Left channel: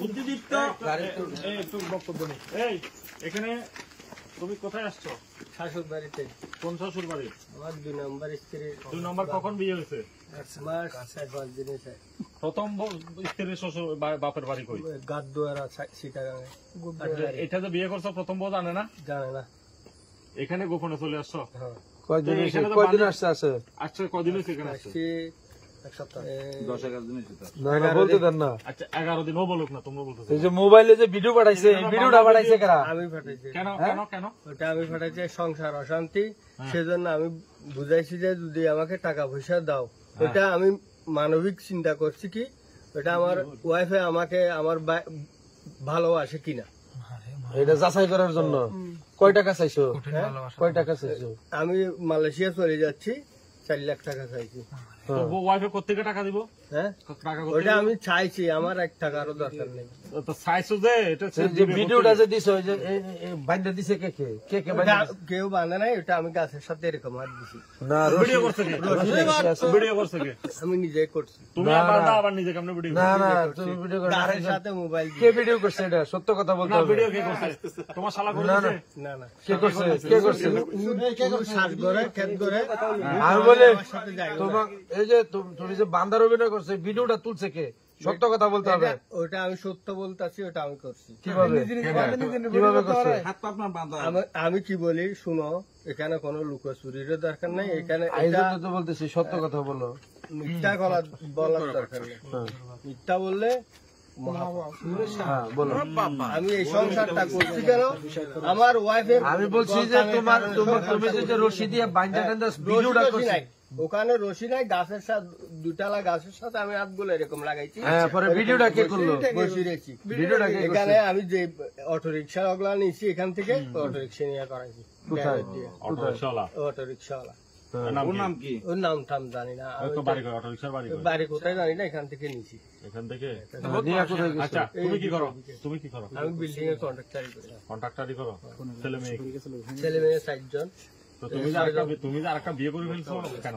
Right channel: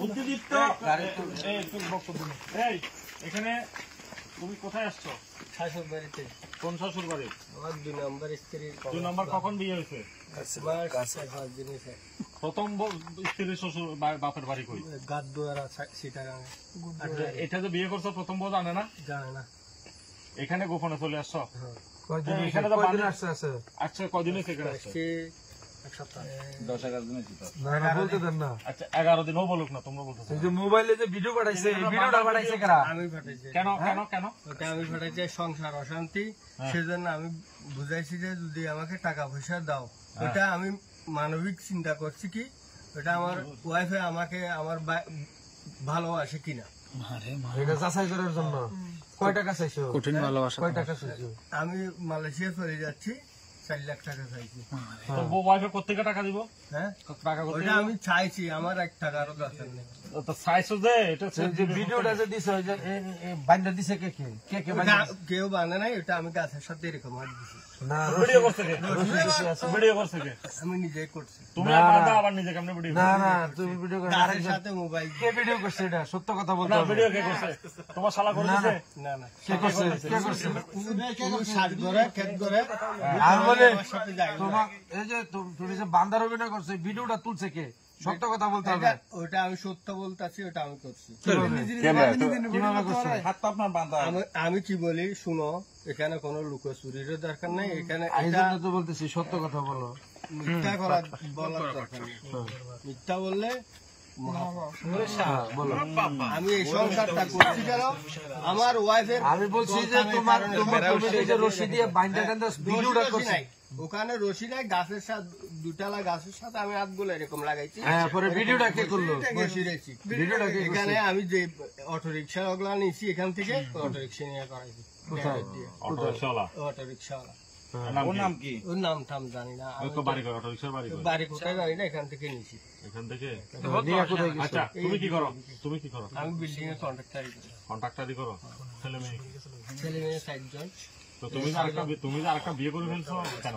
বুদ্ধিদীপ্ত বক্তব্য নেই। এই এখানে তুমি কোথায় আসছো? শাশুড় বাড়িতে। কোন শ্বশুর বাড়ি? আমার 2 নম্বর স্ত্রী। 2 নম্বর কখন বিয়ে হয়েছে? 1 মাস 5 দিন হয়েছে। প্রথম স্ত্রীর শ্বশুর বাপের বাড়ি কই? গাদদুয়ারা সিটারাঙ্গে। এটা যে বিয়ে করছো প্রথম বউ জানে না? জানে না। এখানে গোপনে চলে আসছো? হ্যাঁ। এখানে তো কদিন আসছে? আসছো কদিন এখানে আসছো? 10-11 দিন বলতে দেন না। আচ্ছা 11 দিনও বলুক না, তোমরা বলতেছো। এই যে মোবাইলে যে ভিডিও পাঠাইছে, ভিডিওটা পাঠাইছে কারা? আমি পাঠাইছি। কেন কেন কেন? ওটা আমি পাঠাইছি সংসার অশান্তি, সেজন্য আমি বুঝাইছি যে যদি আমাকে টাকা পয়সা দাও। এটা আমি মানবিক চিন্তা করছি কি এটা আমার ওয়াইফে আমাকে আমার ভালোবাসে কিনা এটা যাচাই করার জন্য। কয় টাকা চাইছো? কয় টাকা চাইছো? আমি মালয়েশিয়া চলে যাচ্ছি, 4 লাখ টাকা চাইছি। তো ওয়াইফে কোথেকে টাকা দিব? হ্যাঁ টাকা ওইটা আমি চাইছি, আমার 1 টাকারও দরকার নেই। তো চাইছো যে এটা যে ভিডিওটা যে দিছো যে বান্দা দিছে কে কে? কে কে বান্দা? কেউ বান্ধে নাই, ওটা আমি গাছের সাথে এরকম হাত দিছি। না, ভিডিও করছে কে? ভিডিও করছে কে? আমি নিজেই করছি। তুমি আবার নিজে কেমনে ভিডিও? না না, তুমি ভিডিও করছো? গাছের সাথে মোবাইল কে ভিডিও করছে? এটা সত্য কথা বলতে না, হবে। ভিডিও কে করছে? তোমার শালা করেছে? না না, কে করছে? কে করছে? সাজ করে খেত করে আমি বলে আমার সাথে যাই না। তোমার এই যে তুমি যে বান্দার অভিনয় করছে, ভিডিওটা তুলছে কে? সত্য কথা বলতে হবে। ওটা আমি সত্য বলতেছি, ওটা আমি করছি। কিভাবে করছে? আমি কি বলি শুনো, এখানে কোনো লুকোচুরির দরকার নাই, এখানে এই এটা জন্য তো বলতেছি সত্য কথা বলো। মিথ্যা বলার দরকার নেই। মিথ্যা বললে আমি এই সংসারটা করছি কেন আমার ওয়াইফের। আমি বলছি যে তোমার তুমি যে রশি দিয়ে বাইন্দা ভিডিওটা করছে, ওখানে রশি নাই, গাছের সাথে 2টালা গাছের সাথে আমি হাতগুলো এরকম লাগাইছি। হ্যাঁ, পরে ভিডিওটা কে করলো? বসে রেখেছি। ভিডিওটা কে এখানে আমি যে অটো রিক্সা ওগুলা নিয়েছি, এখান থেকে অটো রিক্সা নিয়ে করাইছি। অটো রিকশাওয়ালা? অটো রিক্সাওয়ালা। ওর নাম কি? ওর নাম টাম জানি না, বাড়ি কই? অটো রিকশার বাড়ি কই? বাড়ি কোথায় জানি না, এখান থেকে নিয়েছি। এখান থেকে? আচ্ছা, তুমি কি করো? তুমি কি করো? আমি বিল্ডিং এর কন্ট্রাক্টারি করি। কন্ট্রাক্টারি করো? ছেলে মেয়ে? ছেলে মেয়ে 4 জন। তো তুমি যে আরেকটা বিয়ে করে ফেলছো কেন?